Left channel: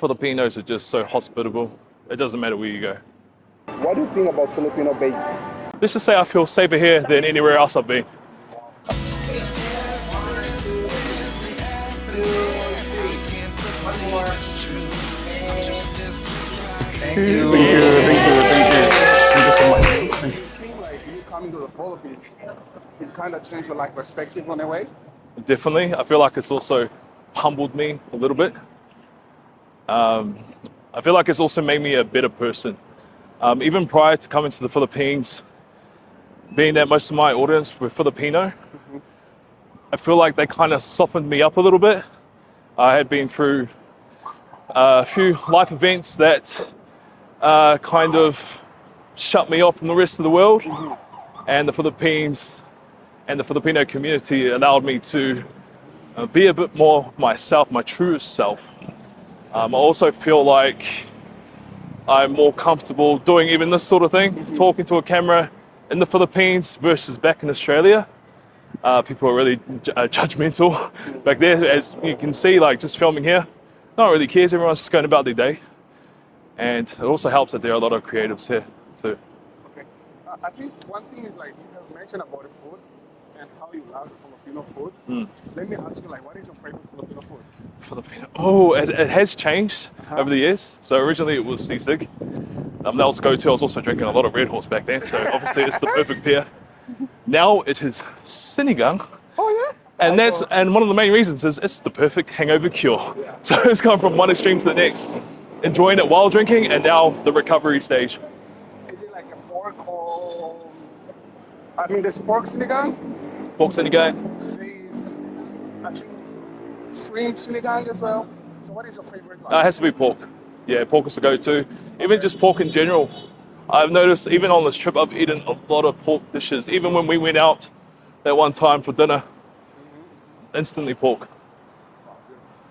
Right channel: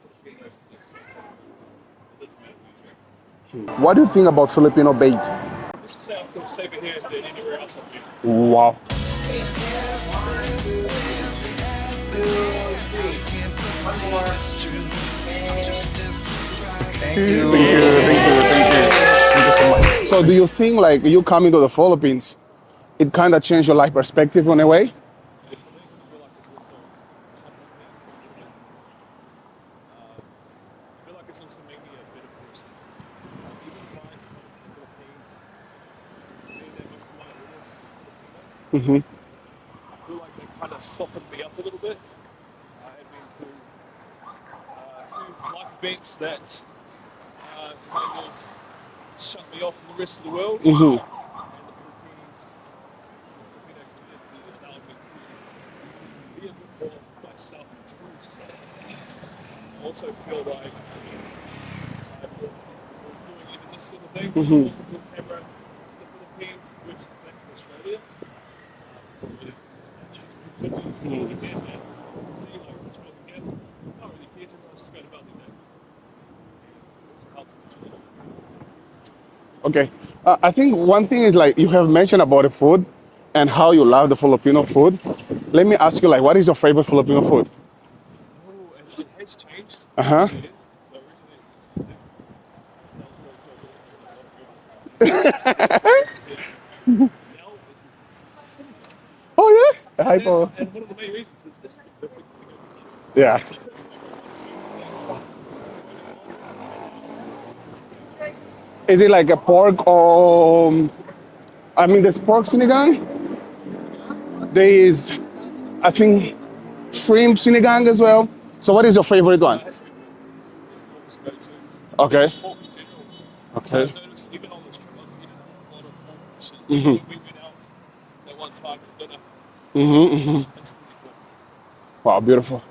Filipinos are just so hospitable. It doesn't matter where you go. What do you think about Filipino bait? Let's just say I feel safer here than anywhere else I've been. Wow. Thank you. Thank you so much. So do you think like you coming to the Philippines, it kind of changed your life perspective in a way? Definitely. I feel like it's also humbled me a little bit. I feel like it's also made me a better person. Even prior to coming to the Philippines, being that most of my audience were Filipino, I feel like they kind of softened me up a little bit. I had been through a few life events that kind of shut me off from the rest of the world. And the Philippines and the Filipino community allowed me to be a bit more myself, my truest self. I also feel like I'm more comfortable doing even this sort of thing, talking to a camera in the Philippines versus back in Australia. People are really judgmental back there, as you can see, like just filming here. No one really cares, everyone's just going about their day. And it also helps that there are a lot of creatives here too. Okay. I think one thing is like you have mentioned about the food and how you love the Filipino food. Let me ask you, like, what is your favorite Filipino food? Filipino. Oh, it has changed over the years. So originally it was sisig. That was go-to. I was also drinking a lot of Red Horse back then, so obviously it's the perfect pair. Now it is sinigang. Oh yeah. And one of the main reasons is it's the perfect hangover cure. Yeah. So it's gone from one extreme to the next. Enjoying it while drinking, and now the recovery stage. Is it like a pork or? I mean, there's pork sinigang. Pork sinigang. There is, I think, shrimp sinigang as well. So what is your favorite one? It has to be pork. Yeah, pork is the go-to. Okay. Even just pork in general. Okay. I've noticed even on this trip, I've eaten a lot of pork dishes. Even when we went out that one time for dinner, instantly pork. Wow, beautiful.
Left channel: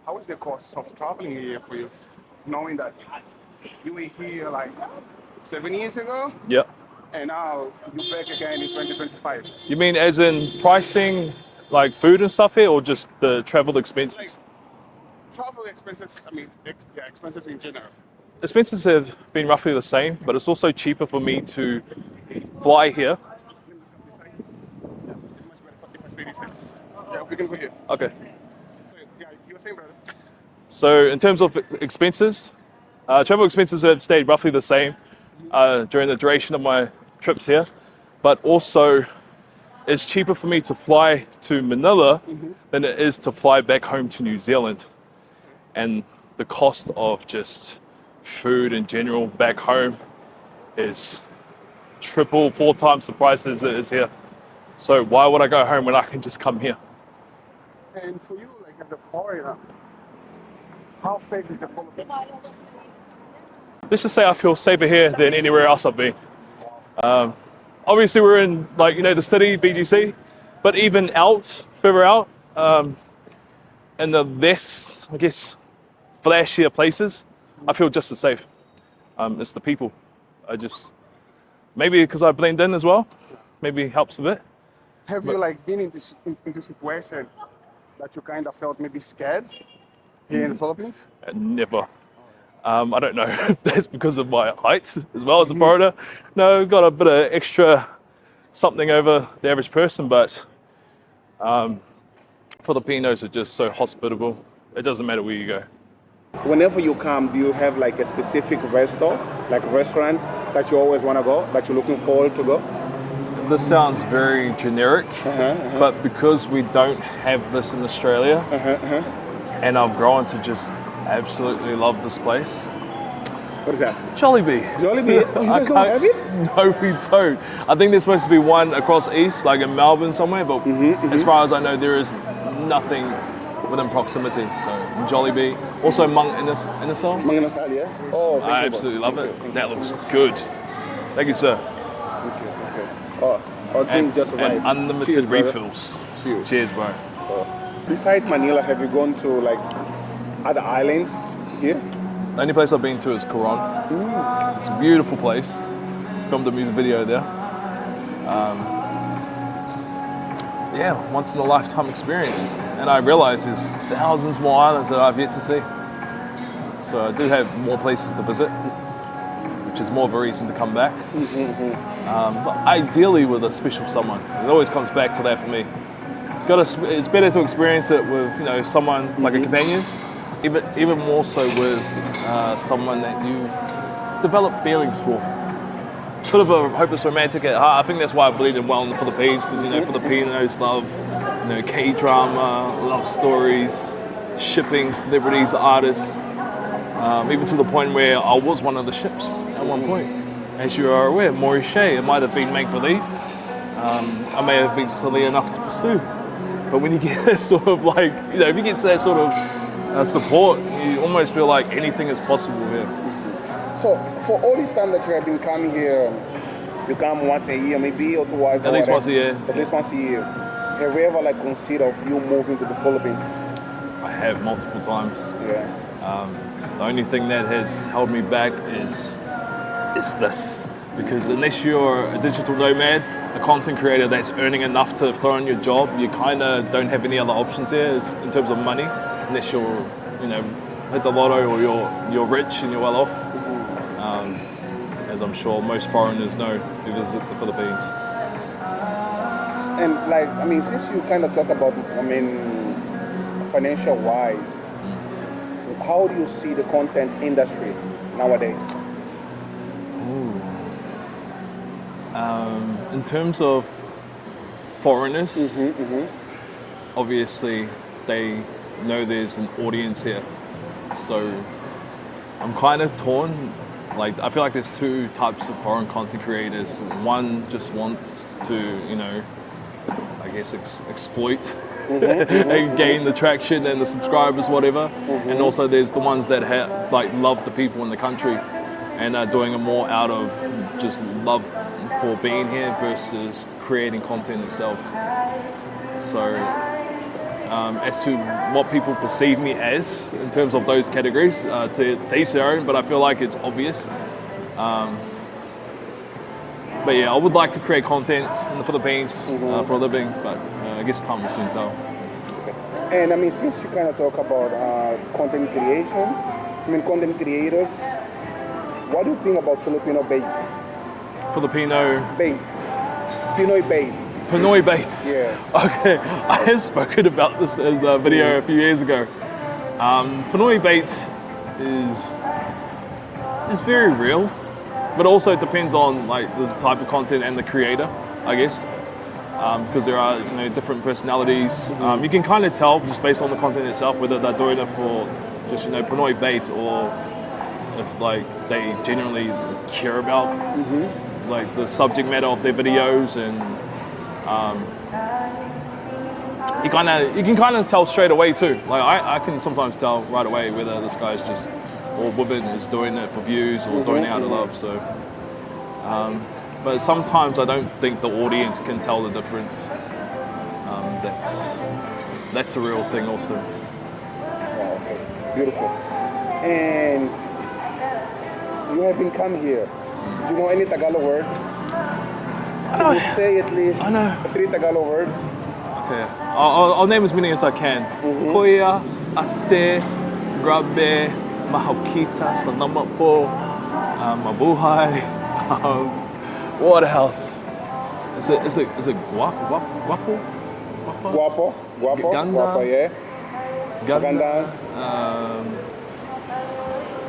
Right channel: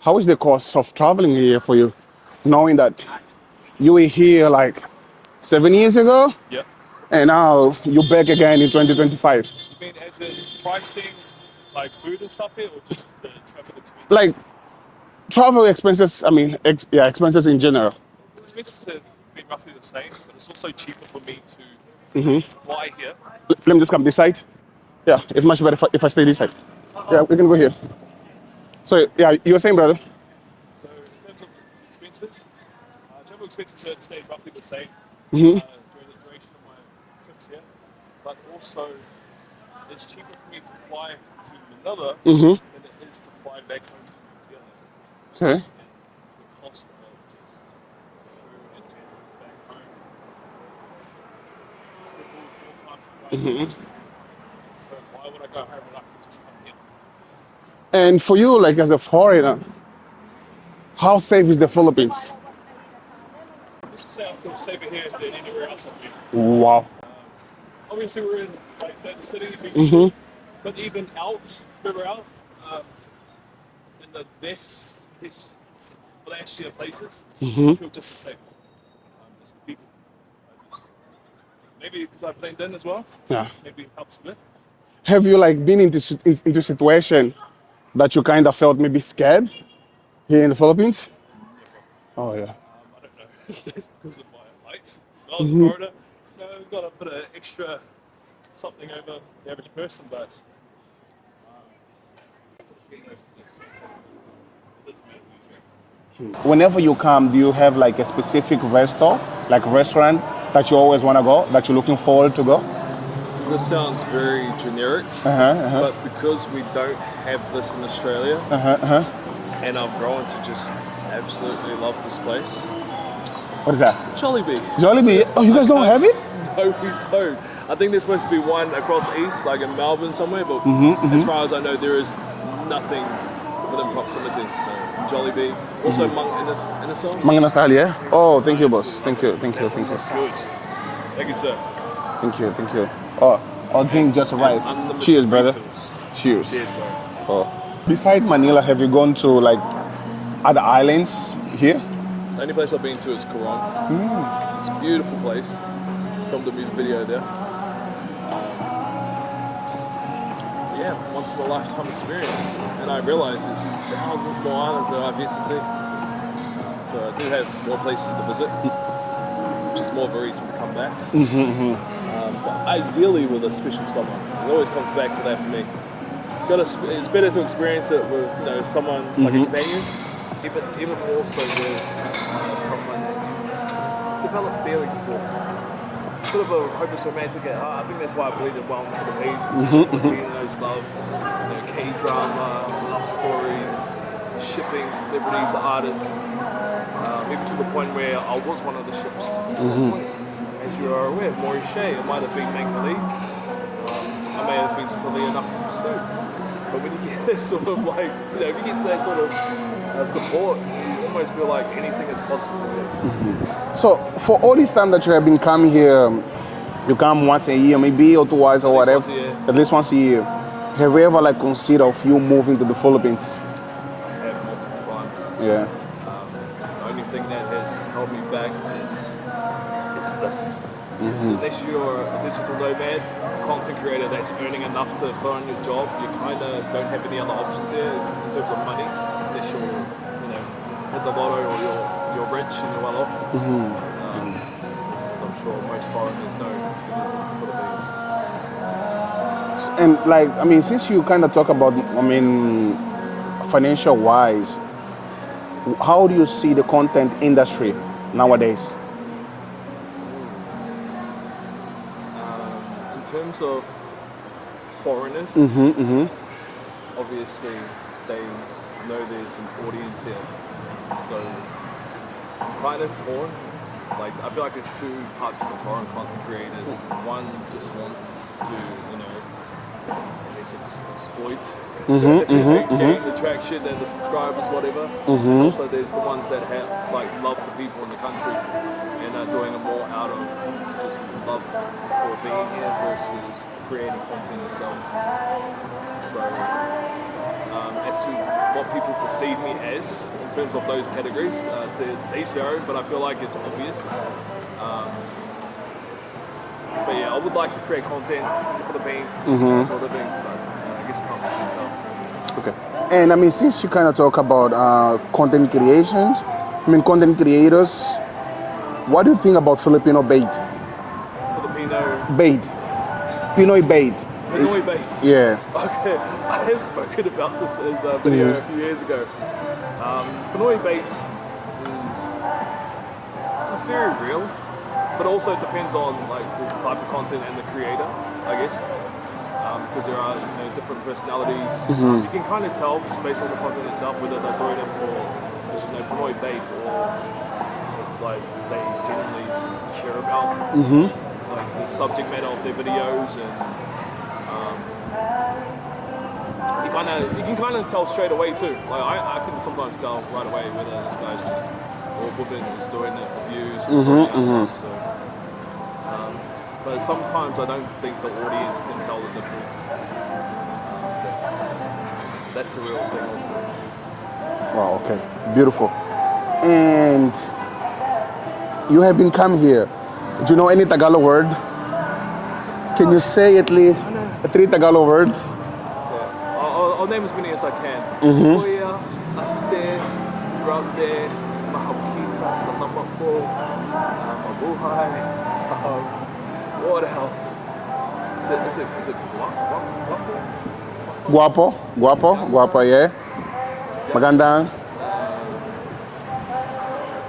How is the cost of traveling here for you, knowing that you were here like 7 years ago Yep. and now you're back again in 2025? You mean as in pricing, like food and stuff here, or just the travel expenses? Like travel expenses, I mean, expenses in general. Expenses have been roughly the same, but it's also cheaper for me to fly here. Let me just come this side. Yeah, it's much better if I stay this side. Yeah, we can go here. Okay. So yeah, you were saying, brother? So in terms of expenses, travel expenses have stayed roughly the same during the duration of my trips here, but also it's cheaper for me to fly to Manila than it is to fly back home to New Zealand. Okay. And the cost of just food in general back home is triple, 4 times the price as it is here. So why would I go home when I can just come here? And for you, like as a foreigner, how safe is the Philippines? Let's just say I feel safer here than anywhere else I've been. Wow. Obviously we're in the city, BGC, but even further out, in the less, I guess, flashier places, I feel just as safe. It's the people. Maybe because I blend in as well, Yeah. maybe helps a bit. Have you like been into a situation that you kind of felt maybe scared here in the Philippines? Never. Oh yeah. I don't know if that's because of my height as well as a foreigner. No, got a bit of extra something over the average person, but Filipinos are just so hospitable. It doesn't matter where you go. Whenever you come, do you have like a specific restaurant that you always want to go, that you're looking forward to go? This sounds very generic, but because we don't have this in Australia, and I've grown to just absolutely love this place. What is that? Jollibee. Jollibee? Oh, you guys don't have it? No, we don't. I think there's supposed to be one across east, like in Melbourne somewhere, but as far as I know, there is nothing within proximity. So Jollibee. Also Mang Inasal. Mang Inasal, yeah? Oh, thank you, boss. Absolutely Thank you. That looks good. Thank you, sir. Thank you. Oh, our drink just arrived. Unlimited Cheers, brother. refills. Cheers. Cheers, bro. Oh. Besides Manila, have you gone to like other islands here? The only place I've been to is Coron. It's a beautiful place. Filmed a music video there. Yeah, once in a lifetime experience. And I realise there's thousands more islands that I've yet to see. So I do have more places to visit, which is more of a reason to come back. But ideally with a special someone. It always comes back to that for me. It's better to experience it with someone like a companion, even more so with someone that you develop feelings for. Bit of a hopeless romantic at heart. I think that's why I bleeded well in the Philippines, because Filipinos love K-drama, love stories, shipping, celebrities, artists, even to the point where I was one of the ships at one point. As you are aware, Māori, it might have been make-believe. I may have been silly enough to pursue. But when you get that sort of if you get that sort of support, you almost feel like anything is possible here. So for all this time that you have been coming here, you come once a year, maybe, or twice, or whatever. At least once a year. At least once a year. Have you ever considered of you moving to the Philippines? I have multiple times. Yeah. The only thing that has held me back is this. Because unless you're a digital nomad, a content creator that's earning enough to throw in your job, you kind of don't have any other options here in terms of money, unless you're, hit the lotto or you're rich and you're well off. As I'm sure most foreigners know who visit the Philippines. And since you kind of talk about, financial wise, how do you see the content industry nowadays? In terms of foreigners, obviously they know there's an audience here. So I'm kind of torn. I feel like there's two types of foreign content creators. One just wants to, exploit and gain the traction and the subscribers, whatever. And also there's the ones that love the people in the country and are doing it more out of just love for being here versus creating content itself. So as to what people perceive me as in terms of those categories, to each their own, but I feel like it's obvious. But yeah, I would like to create content in the Philippines for a living, but I guess time will soon tell. Okay. And since you kind of talk about content creations, content creators, what do you think about Filipino bait? Filipino bait. Pinoy bait. Pinoy bait. Yeah. Okay, I have spoken about this in a video a few years ago. Pinoy bait is very real, but also depends on the type of content and the creator, I guess. Because there are different personalities. You can kind of tell just based on the content itself whether they're doing it for just Pinoy bait or if they genuinely care about the subject matter of their videos, and you can kind of tell straight away too. I can sometimes tell right away whether this guy's just or woman is doing it for views or doing it out of love. So, but sometimes I don't think the audience can tell the difference. That's a real thing also. Wow. Okay. Beautiful. And you have been come here. Do you know any Tagalog word? Can you say at least 3 Tagalog words? Okay. I'll name as many as I can. Kuya, ate, grabe, mahal kita, salamat po, mabuhay. What else? Is it guapo? Guapo, yeah. Maganda.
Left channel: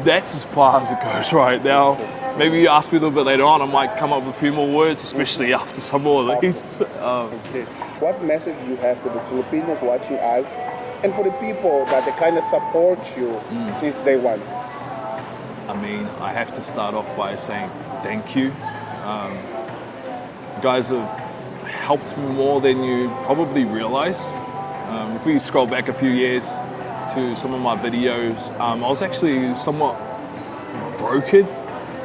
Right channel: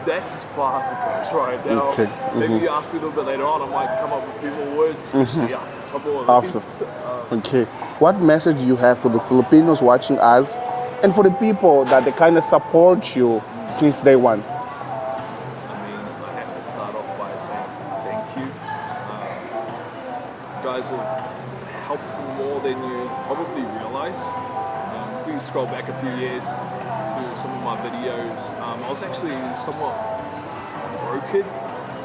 That's as far as it goes right now. Okay. Maybe you ask me a little bit later on, I might come up with a few more words, especially after some more. Okay. What message do you have for the Filipinos watching us and for the people that they kind of support you since day one? I have to start off by saying thank you. You guys have helped me more than you probably realize. If we scroll back a few years to some of my videos, I was actually somewhat broken.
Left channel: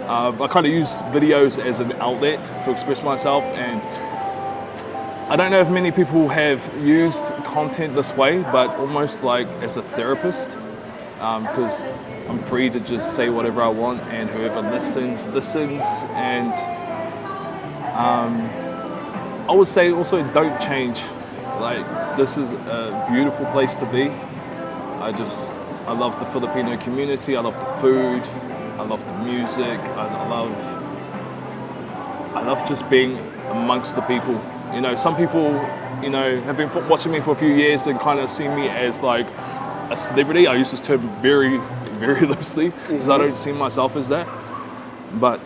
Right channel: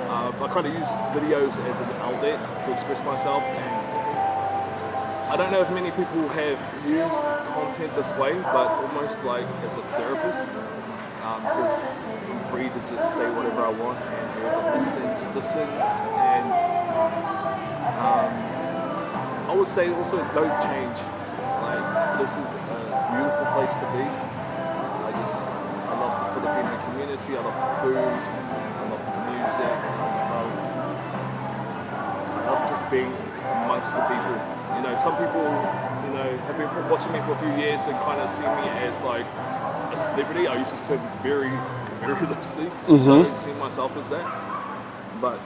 I kind of use videos as an outlet to express myself, and I don't know if many people have used content this way, but almost like as a therapist, because I'm free to just say whatever I want, and whoever listens, and I would say also don't change. Like, this is a beautiful place to be. I love the Filipino community. I love the food. I love the music. I love just being amongst the people. You know, some people, you know, have been watching me for a few years and kind of see me as like a celebrity. I use this term very, very loosely because I don't see myself as that. But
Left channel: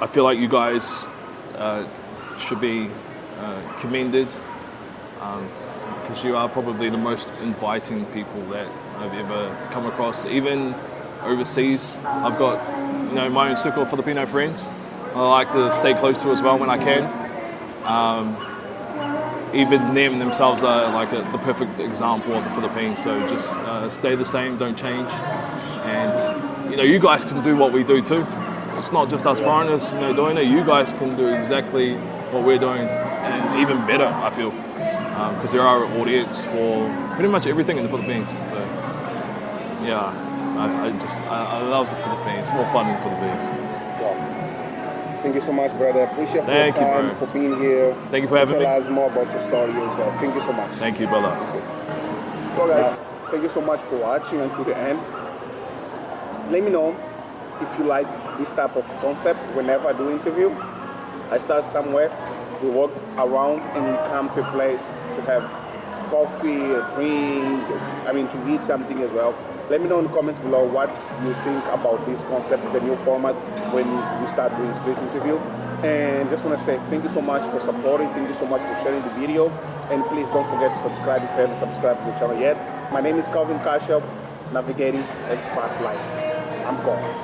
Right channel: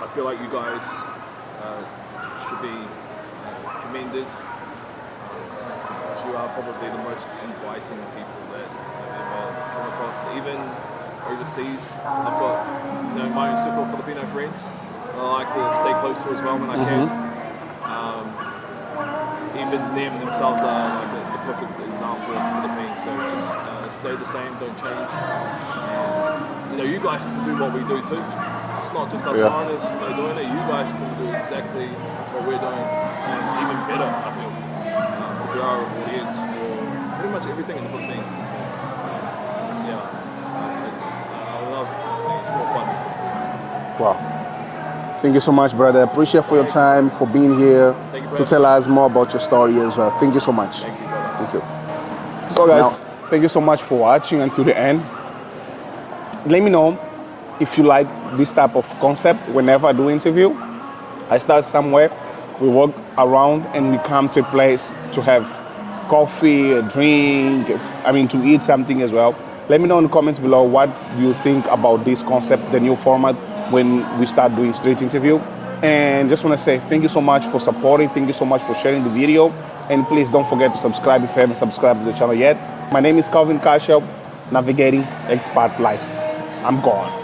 I feel like you guys should be commended because you are probably the most inviting people that I've ever come across. Even overseas, I've got, you know, my own circle of Filipino friends I like to stay close to as well when I can. Even them themselves are like the perfect example of the Philippines. So just stay the same, don't change. And you know, you guys can do what we do too. It's not just us foreigners, you know, doing it. You guys can do exactly what we're doing, and even better, I feel, because there are an audience for pretty much everything in the Philippines. So yeah, I love the Philippines. It's more fun in the Philippines. Wow. Thank you so much, brother. Appreciate for your Thank you, time, bro. for being here. Thank you for to having tell me. us more about your story as well. Thank you so much. Thank you, brother. Thank you. So guys, thank you so much for watching until the end. Let me know if you like this type of concept whenever I do interview. I start somewhere, we walk around and we come to a place to have coffee, a drink, to eat something as well. Let me know in the comments below what do you think about this concept, the new format when we start doing straight interview. And just want to say thank you so much for supporting, thank you so much for sharing the video, and please don't forget to subscribe if you haven't subscribed to the channel yet. My name is Castiel, navigating expat life. I'm gone.